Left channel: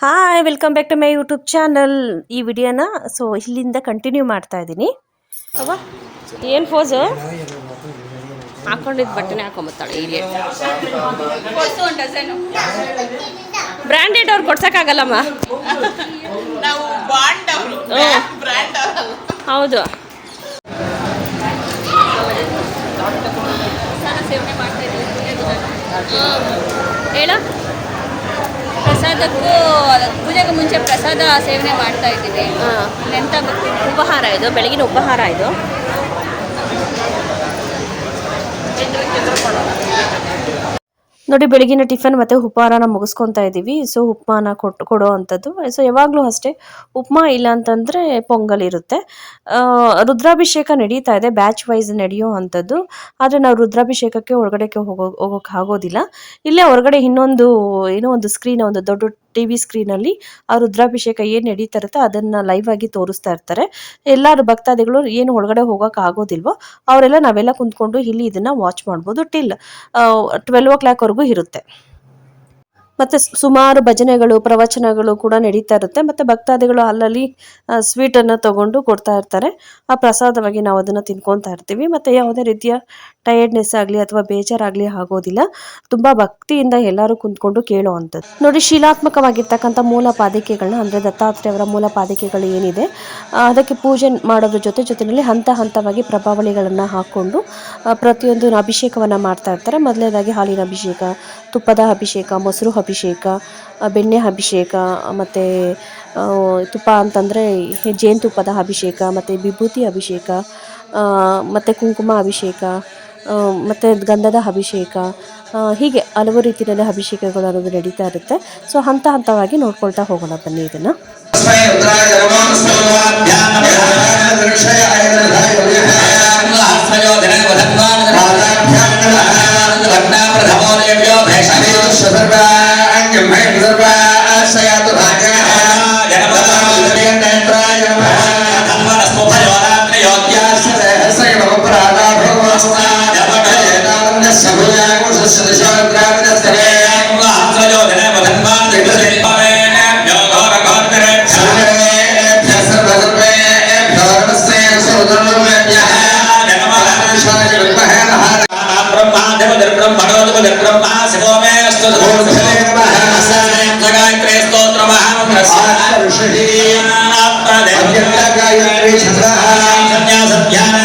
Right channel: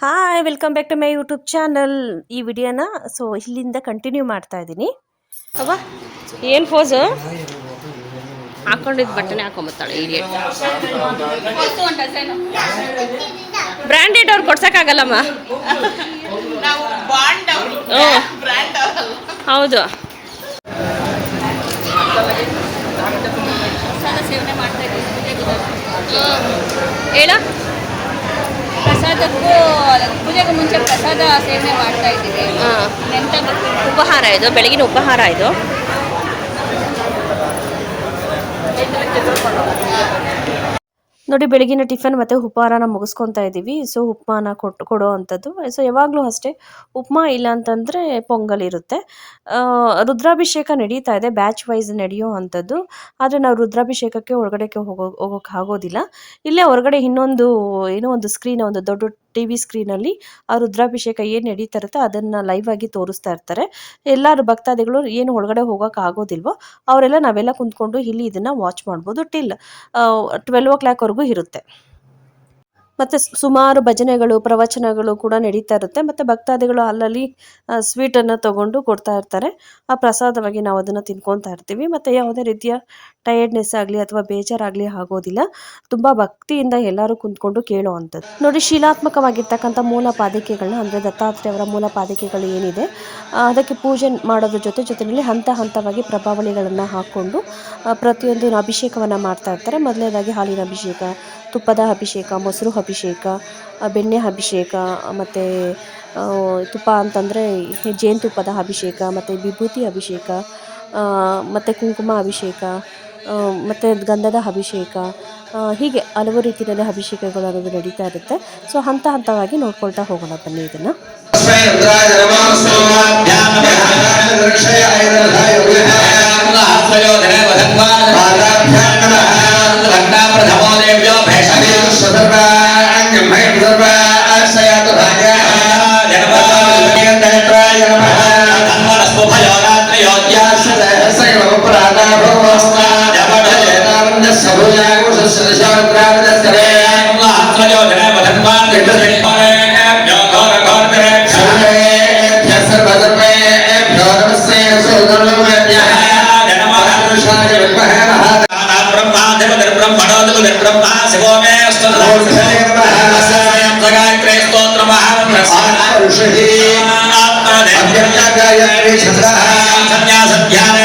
Hi welcome back to my YouTube channel ಈ ವಿಡಿಯೋನ so ಇಲ್ಲಿಂದ ಕಂಟಿನ್ಯೂ ಮಾಡ್ತಾ ಇದ್ದೀನಿ. ಅವ್ವ, ಏನು ಫೋಸು ಹಾಕೊಂಡಿದ್ದು ಬಟ್ಟೆನೇ ಹಾಕೊಂಬತ್ತಾಳೆ ಹೀಗೆ ಬ್ರ್ಯಾಂಡೆಡ್ ಅವ್ರು ಕೊಡ್ಸೋಕ್ಕಾಗಲ್ಲಮ್ಮ? ನಾವು ಬಾಂಡ್ ಹ್ಞೂ ಬ್ರ್ಯಾಂಡ್ ಹೌದು. ಹೇಳ. ಪ್ರಸಾದಕ್ಕೂ ಪೂಜೆಗೂ ಮುಂಚೆ ಪ್ರಸಾದ ಸೇವನೆ ಮಾಡ್ತಾ ಇದ್ದೀವಿ. ಎಂತ ಉಪಹಾರ ಇದು ಬೆಳಗಿನ ಉಪಹಾರ ಇದು. ನೋಡಿ ಬೆಳಗಿನ ಟಿಫನ್ ಮತ್ತು ಉಪಹಾರನ ಮುಗಿಸ್ಕೊತಾ ಇದ್ದೀವಿ ಸೊ ಉಪ್ಮಾನ ಕೊಟ್ಟು ಕೊಡೋ ಅಂಥದ್ದು. ಸೊ ಯಾವಾಗಲೂ ಅಷ್ಟೇ, ಉಪ್ಮಾ ಇಲ್ಲ ಅಂತಂದರೆ ಪೊಂಗಲ್ ಇರುತ್ತೆ. ರುದ್ರಾಭಿಷೇಕ ನಡೀತಾ ಇದೆ ಬ್ಯಾಚ್ ವೈಸ್ ನಡೆಯೋ ಅಂಥದ್ದು. ಆದರೆ ನಾವು ರುದ್ರಾಭಿಷೇಕಕ್ಕೆ ಒಳಗಡೆಗೆ ಹೋಗೋ, ಹೋಗೋಕೆ ಆಗೋದಿಲ್ಲ. ಇಲ್ಲೇ ಹೊರಗಡೆ ಇನ್ನೊಂದು, ಏನೋ ಒಂದು ಸ್ಕ್ರೀನ್ ಒಂದು ದೊಡ್ಡ ಟಿ ವಿ ಸ್ಕ್ರೀನಲ್ಲಿ ಆ ರುದ್ರಾಭಿಷೇಕ ಏನು ನಡೀತಾ ಇರುತ್ತೋ ಅದನ್ನು ಲೈವ್ ಆಗಿ ತೋರಿಸ್ತಾ ಇರ್ತಾರೆ. ಎಲ್ಲರೂ ಭಕ್ತಾದಿಗಳು ಏನು ಒಳಗಡೆ ಹೋಗೋಕೆ ಆಗೋದಿಲ್ವೋ ಅವರೆಲ್ಲ ನಾವೆಲ್ಲ ಕುಂತ್ಕೊಂಡು ಇಲ್ಲಿ ಇದನ್ನು ವಾಚ್ ಮಾಡ್ಬೋದು ಟಿಲ್ ಟ್ವೆಲ್ ಓ ಕ್ಲಾಕ್ವರೆಗೂ ಇರುತ್ತೆ. ಮತ್ತು ಸುಮಾರು ಭಜನೆಗಳು, ಪ್ರವಚನಗಳು ಕೂಡ ನಡೀತಾ ಇರುತ್ತೆ. ಮತ್ತು ಭಕ್ತಾದಿಗಳು ಅಲ್ಲಲ್ಲಿ ಸ್ವೀಟನ್ನು ತಗೊಂಡು ಕೊಡ್ತಾ ಇರ್ತಾರೆ. ಆ ಪ್ರಸಾದವಾಗಿ ನಾವು ಅದನ್ನು ತಿನ್ಕೊತಾ ಇರ್ತೀವಿ. ಮತ್ತು ಯಾವುದೇ ರೀತಿಯ ಟಯರ್ಡ್ನೆಸ್ ಆಗಲಿ ಅಥವಾ ಬೇಜಾರಾಗಲಿ ಆಗೋದಿಲ್ಲ. ತುಂಬ ಭಕ್ತಿಯಿಂದ ಎಲ್ಲರೂ ಕುಂತ್ಕೊಂಡು ಕೇಳೋ ಅಂಥದ್ದು ನೋಡಿ, ಶಿಲಾತ್ಮಕವಾಗಿರ್ತಕ್ಕಂಥ ಮೂಲ ಪಾದಿಕೆಗಳನ್ನ ಅಂದರೆ ದತ್ತಾತ್ರೇಯವರ ಮೂಲ ಪಾದಿಕೆಗಳು ಏನಿದೆ ಅದಕ್ಕೆ ಪೂಜೆ ಮಾಡೋದ್ರ ಜೊತೆ ಜೊತೆಯಲ್ಲಿ ಹಂತ ಹಂತವಾಗಿ ಪ್ರಭಾವಳಿಗಳನ್ನು ಹಾಕ್ಕೊಂಡು ಪ್ರತಿಯೊಂದು ಅಭಿಷೇಕವನ್ನು ಮಾಡ್ತಾ ಇರ್ತಾರೆ. ಮೊದಲನೇದಾಗಿ ಹಾಲಿನ ಅಭಿಷೇಕ, ತುಪ್ಪದ ಅಭಿಷೇಕ, ಮೊಸರು ಅಭಿಷೇಕ. ಆ, ಬೆಣ್ಣೆ ಅಭಿಷೇಕ ಮತ್ತು ತುಪ್ಪ ಅಂತಂದರೆ ಜೇನುತುಪ್ಪದ ಅಭಿಷೇಕ ಮತ್ತು ವಿಭೂತಿ ಅಭಿಷೇಕ ಮತ್ತು ಕುಂಕುಮ ಅಭಿಷೇಕ ಮತ್ತು ಗಂಧದ ಅಭಿಷೇಕ ಹೀಗೆ ಹಲವು ರೀತಿಯಲ್ಲಿ ಅಭಿಷೇಕಗಳು ಅನ್ನೋದು ನಡೀತಾ ಇರುತ್ತೆ ಸೊ ಹಂತ ಹಂತವಾಗಿ ನೋಡ್ಕೊಳ್ತಾ ಹೋಗೋಣ ಬನ್ನಿ ಇದನ್ನು స్తోత్రవతు నిర్బ్రహ్మా శివోమే స్తోత్రగాయత్రే స్తోత్రమః ఆత్మదేవగాయత్రే శబ్దః సన్యాసధ్యానే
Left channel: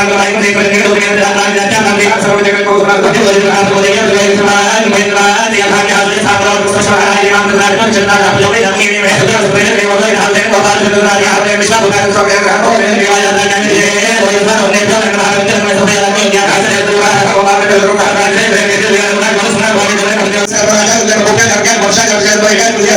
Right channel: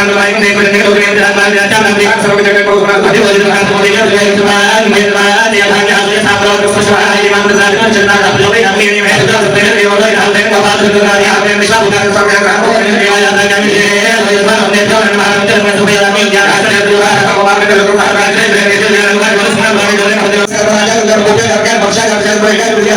సంఘం నాయకులు ఎక్కడికి దూరేంద్ర నాయకులు అత్యంత సర్వ జగన్ కోసం అధిపతి వదిలినారు మోదీగా జయకుమార్ మేధావి అభాగ్య హాజరు సామ్రాజ్య సహాయ మాత్ర నాయకులు చిన్న అభియోగి అన్ని వేదన సుప్రీం దేవత హాలే బాబాలు చుట్టునారి ఆమె మిశ్ర ఉదార సమయ గ్రామం దేవాలయ నాయకులు జయ వయస్వారు నేత్రం మహావిద్యాలయం సభ్యులు జ్ఞాన హాజరు కుమార్ కుమార్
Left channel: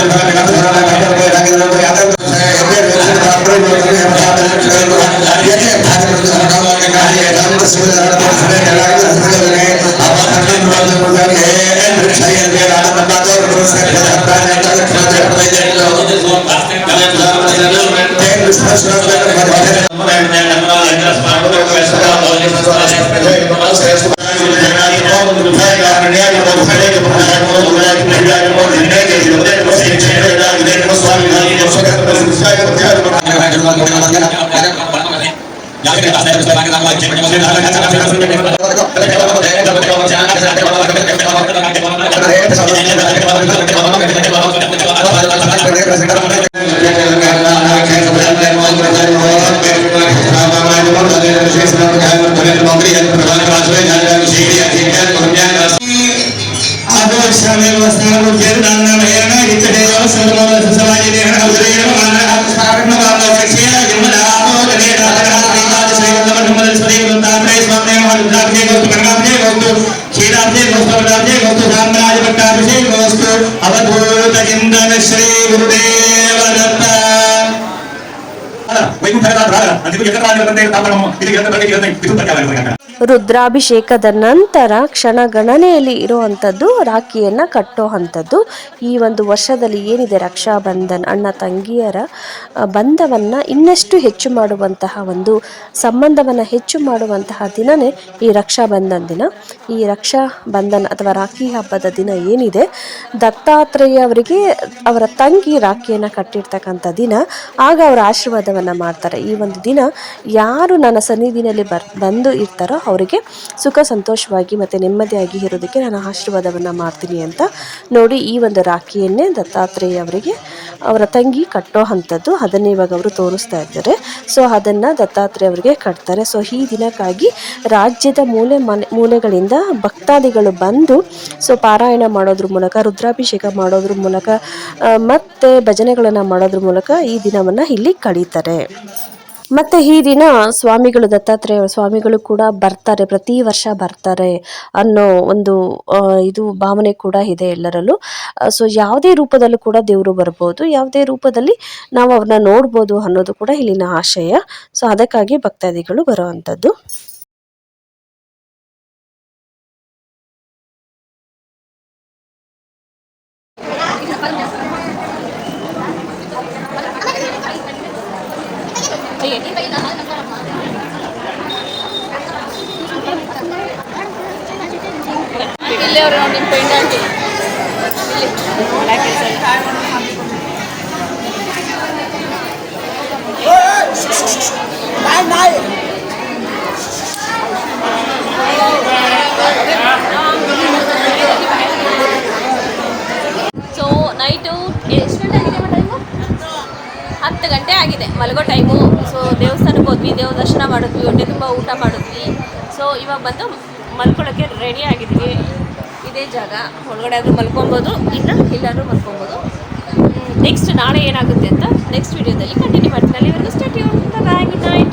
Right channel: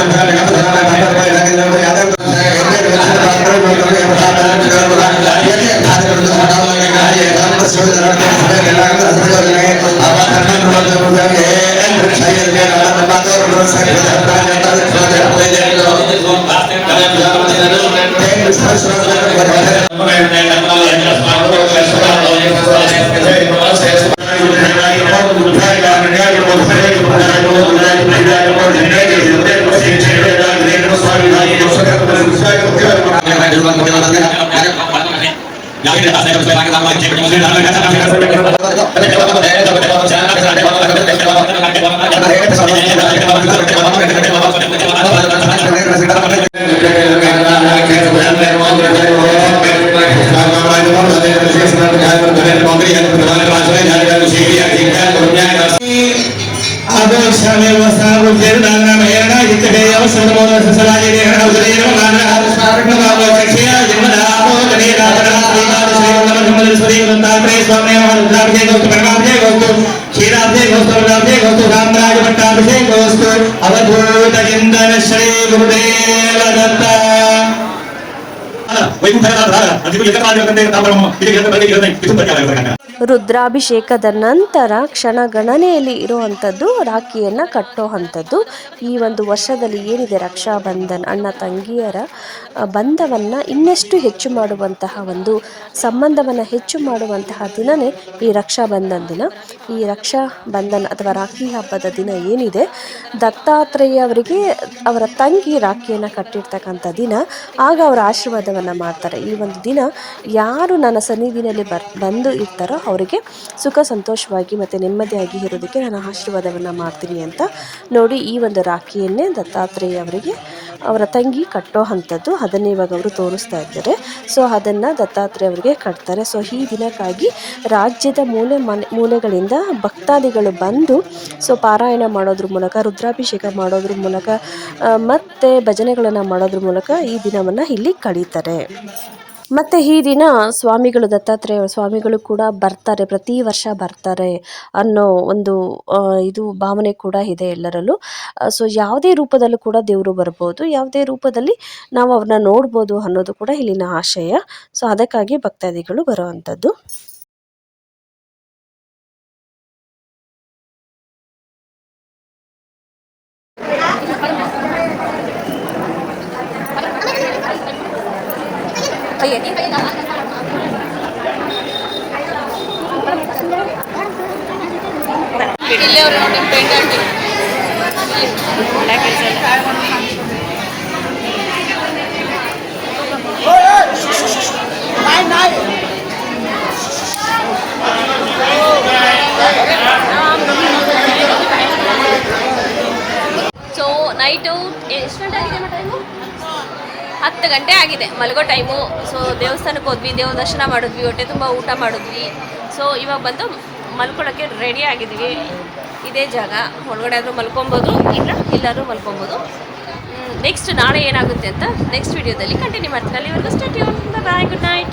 Obrigado, అవసరం అవసరం అవసరం అవసరం भगवान रुद्राभिषेक वस्तु परमाभिषेक वस्तु क्षीराभिषेक वस्तु वृद्धाभिषेक वस्तु साम्राज्य पट्टाभिषेक वस्तु अवधूत चिंतन श्री गुरुदेव दत्त वैकुंठ अधिक यत्र राज्य तंत्र तापरम इति यत्र तंत्र यत्र इति तंत्र ರುದ್ರಾಭಿಷೇಕದ ನಂತರ ಕ್ಷಣಗಣನೆಯಲ್ಲಿ ಇರುವಂಥದ್ದು ರಾಖಿಯನ್ನು ಕಟ್ಟೋ ಅಂಥದ್ದು. ಈ ಒಂದು ವರ್ಷದಲ್ಲಿ ಏನಿದೆ ರಕ್ಷಾಬಂಧನ್ ಅಣ್ಣ ತಂಗಿಯರ ಬಂಧವನ್ನು ಇನ್ನಷ್ಟು ಹೆಚ್ಚು ಮಾಡುವಂತಹ ಒಂದು ಸಂಬಂಧವನ್ನು ಹೆಚ್ಚು ಮಾಡುವಂತಹ ದಿನವೇ ಈ ರಕ್ಷಾಬಂಧನ್ ದಿನ. ಈ ರಕ್ಷಾ ಬಂಧನ್ ಅಥವಾ ರಾಖಿ ಹಬ್ಬದ ದಿನ ಏನಿದೆ, ದತ್ತಾತ್ರೇಯ ಅವರಿಗೆ ಅವರ ತಂಗಿ ರಾಖಿಯನ್ನು ಕಟ್ಟಿರ್ತಕ್ಕಂಥ ದಿನ. ಆಗ ಅವರ ಆಶೀರ್ವಾದವನ್ನು ಮಾಡ್ತಾರೆ. ಈ ಒಂದು ದಿನ ಯಾರು ನನ್ನ ಸನ್ನಿಧಿನಲ್ಲಿ ಬರ್, ಬಂದು ಇರ್ತಾರೋ ಅವರಿಗೆ ಸುಖ ಸಂತೋಷವಾಗಿ ಮತ್ತು ನೆಮ್ಮದಿಯಾಗಿ ಇರೋದಕ್ಕೆ ನಾನು ಆಶೀರ್ವಾದವನ್ನು ಮಾಡ್ತೀನಿ ಅಂತ ನೋಡಿ ಈ ಒಂದು ರಾಖಿಯನ್ನೇ ದತ್ತಾತ್ರೇಯ ಅವರಿಗೆ ಅವರ ತಂಗಿ ಕಟ್ಟೋ ಅಂಥದ್ದು ಅದನ್ನೇ ಇವಾಗ ಅವರು ತೋರಿಸ್ತಾ ಇದ್ದಾರೆ. ಸೊ ಅದನ್ನು ದತ್ತಾತ್ರೇಯ ಅವರಿಗೆ ಕಟ್ತಾರೆ. ಸೊ ಈ ದಿನಕ್ಕಾಗಿ ರಾಜ್ಯದ ಮೂಲೆ ಮನೆ, ಮೂಲೆಗಳಿಂದ ಭಕ್ತಾದಿಗಳು ಬಂದು ಸೊ ಪಾರಾಯಣ ಮಾಡೋದ್ರ ಮೂಲಕ, ರುದ್ರಾಭಿಷೇಕ ಮಾಡೋದ್ರ ಮೂಲಕ ಮತ್ತು ಭಜನೆಗಳನ್ನು ಮಾಡೋದ್ರ ಮೂಲಕ ಈ ದಿನವನ್ನು ಇಲ್ಲಿ ಕಳೀತಾರೆ. ಮತ್ತು ಈ ದಿನ ಸ್ವಾಮಿಗಳು, ದತ್ತಾತ್ರೇಯ ಸ್ವಾಮಿಗಳು ಕೂಡ ಬರ್ತಾರೆ, ಪ್ರತಿ ವರ್ಷ ಬರ್ತಾರೆ ಅನ್ನೋ ಒಂದು ಇದು ಭಾವನೆ ಕೂಡ ಇದೆ ಎಲ್ಲರಲ್ಲೂ. ಸೊ ಯಾವುದೇ ರೂಪದಲ್ಲೂ ಕೂಡ ದೇವರು ಬರ್ಬೋದು, ಯಾವುದೇ ರೂಪದಲ್ಲಿ ನಾವು ಅವ್ರನ್ನ ನೋಡ್ಬೋದು ಅನ್ನೋದು ಕೂಡ ಇಲ್ಲಿನ ಆಶಯ. ಸೊ ಅದಕ್ಕಾಗಿ ಭಕ್ತಾದಿಗಳು ಬರೋ ಅಂಥದ್ದು ಇಲ್ಲೇ ಅವ್ರು ನೋಡಿ ಪೆಂಡೆಂಟ್ ಮಾಡಕ್ಕೆ ಕೆಲಸ ಇಲ್ಲ ಸೊ ನೈಟು ಎಷ್ಟು ಗಂಟೆ ಆಗಿದೆ ಟೈಮು ಹತ್ತು ಗಂಟೆ ಆಗಿದೆ ಮಲಗೋ ಟೈಮು ಸೊ ದೇವಸ್ಥಾನಕ್ಕೆ ಹೋದ್ವಿ ದೇವ ದರ್ಶನ ಮಾಡಿದ್ವಿ ಹೊಟ್ಟೆ ತುಂಬ ಊಟ ಮಾಡಿದ್ವಿ ಸೊ ಇವಾಗ ಬಂದು ಮಲ್ಕೊಳ್ಳೋಕ್ಕೆ ರೆಡಿ ಆಗಿದ್ದೀವಿ ಇದೇ ಜಾಗ. ಒಳಗಡೆ ಆದರೂ ಮಲ್ಕೊಬೋದು, ಇಲ್ಲ ಎಲ್ಲಾದರೂ ಮಲ್ಕೊಬೋದು. ನೆಕ್ಸ್ಟ್ ನಾಳೆ ಏನಾಗುತ್ತೆ ಅಂತ ನೆಕ್ಸ್ಟ್ ವಿಡಿಯೋದಲ್ಲಿ ಕಂಟಿನ್ಯೂ ಮಾಡ್ತೀನಿ. ಅಲ್ಲಿವರೆಗೂ start bye bye good night